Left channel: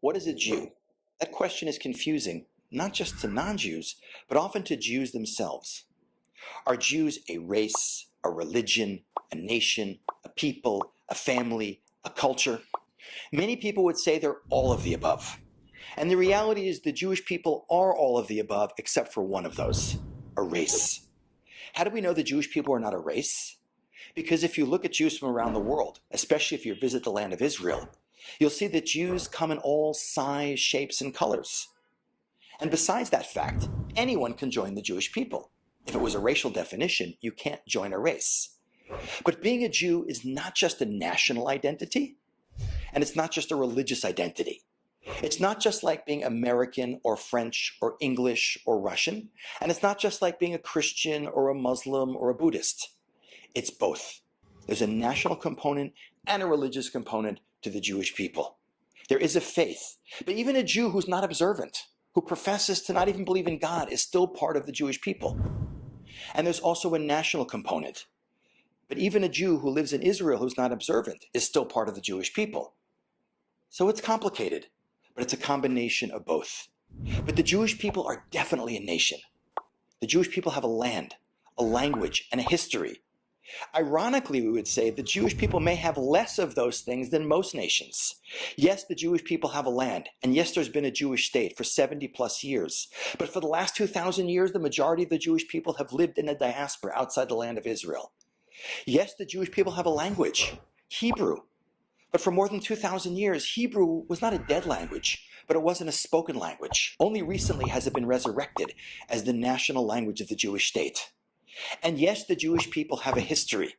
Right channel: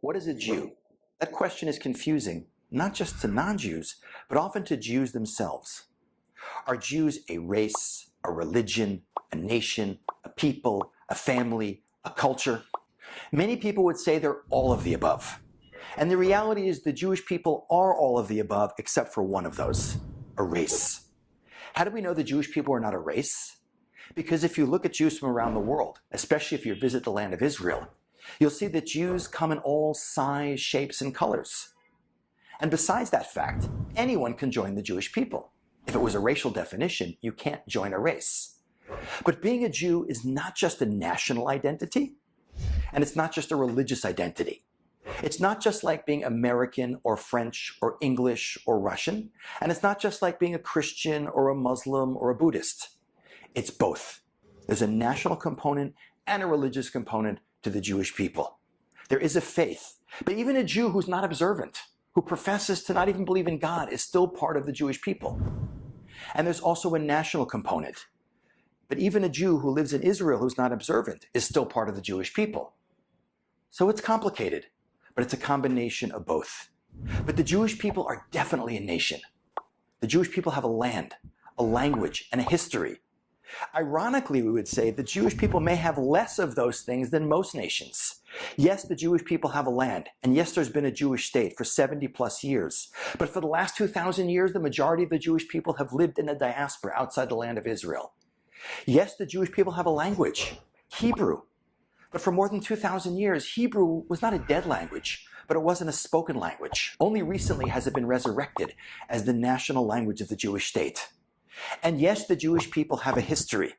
What is a Jew? That question is confusing, not just to non-Jews, but often to Jews themselves. Are Jews a race, a religion, a nation, a people, a family, a culture? Many people would say they're all of the above. And the reality is the Jewish people are all of the above except for one of those, a race. How do we know the Jewish people are not a race? Because if you look at Jews from around the world, especially if you visit the land of Israel, you'll see that Jews come in all size, shapes, and colors. And besides that fact, anyone can join the Jewish people. If it was a racial definition, you can't join a race. But being a Jew is not just a national identity, and it's not just a religious identity. It's not just like being American or French or English or Russian, and it's not just like being a Christian or a Muslim or a Buddhist. It's both. There's a national component and a religious component to the Jewish people. There is a faith, but even a Jew who's not observant, who professes to not even believe in God, is still part of the Jewish people. And there's also a national component. But even a Jew who lives in Israel who's not observant is still part of the Jewish people. So it's complicated, but it's a combination of both. But the Jewish people are definitely a nation. The Jewish people have a land, a language, and a history. Ironically, we would say the Jewish people may have less of those things than most nations. Yes, the Jewish people have a land, and yes, there's been a Jewish state for 70 plus years. But for the last 2,000 years, the majority of the Jewish people have lived in a diaspora outside the land of Israel. Yes, the Jewish people have a language, Hebrew. But for more than 2,000 years, Hebrew was not a dead language, but it wasn't a spoken language. Only recently has it been resurrected as the national language of the Jewish state. And yes, the Jewish people have a history.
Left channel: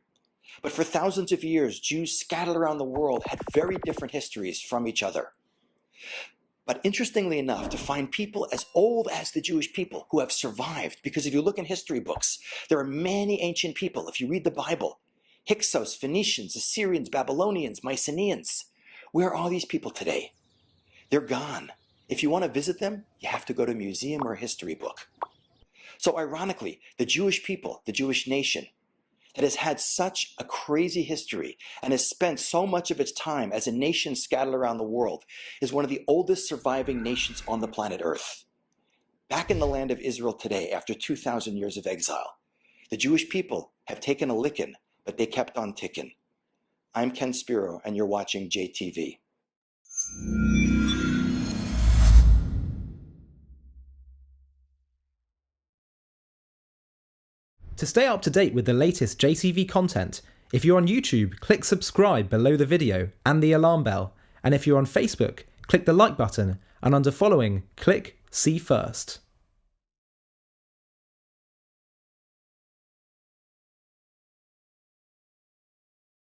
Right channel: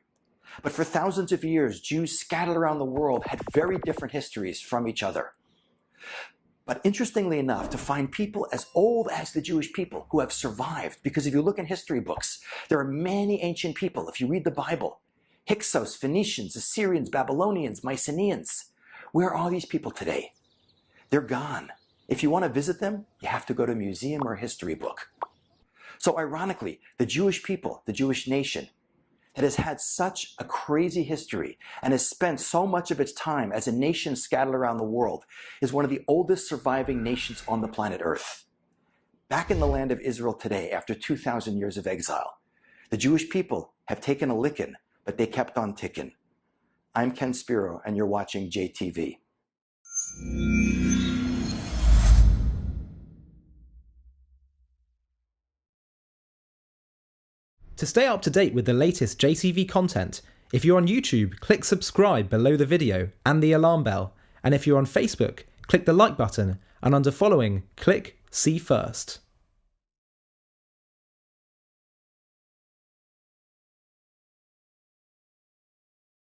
But for thousands of years, Jews scattered around the world had very different histories from each other. But interestingly enough, to find people as old as the Jewish people who have survived, because if you look in history books, there are many ancient people. If you read the Bible, Hyksos, Phoenicians, Assyrians, Babylonians, Mycenaeans, where are all these people today? They're gone. If you want to visit them, you have to go to a museum or a history book. So ironically, the Jewish people, the Jewish nation, that has had such a crazy history and has spent so much of its time as a nation scattered around the world, is one of the oldest surviving nations on the planet Earth. Back in the land of Israel today, after 2,000 years of exile, the Jewish people have taken a licking, but they kept on ticking. I'm Ken Spiro, and you're watching JTV. To stay up to date with the latest JTV content, if you're on YouTube, click subscribe below the video and the alarm bell. And if you're on Facebook, click the like button, and under following, click see first.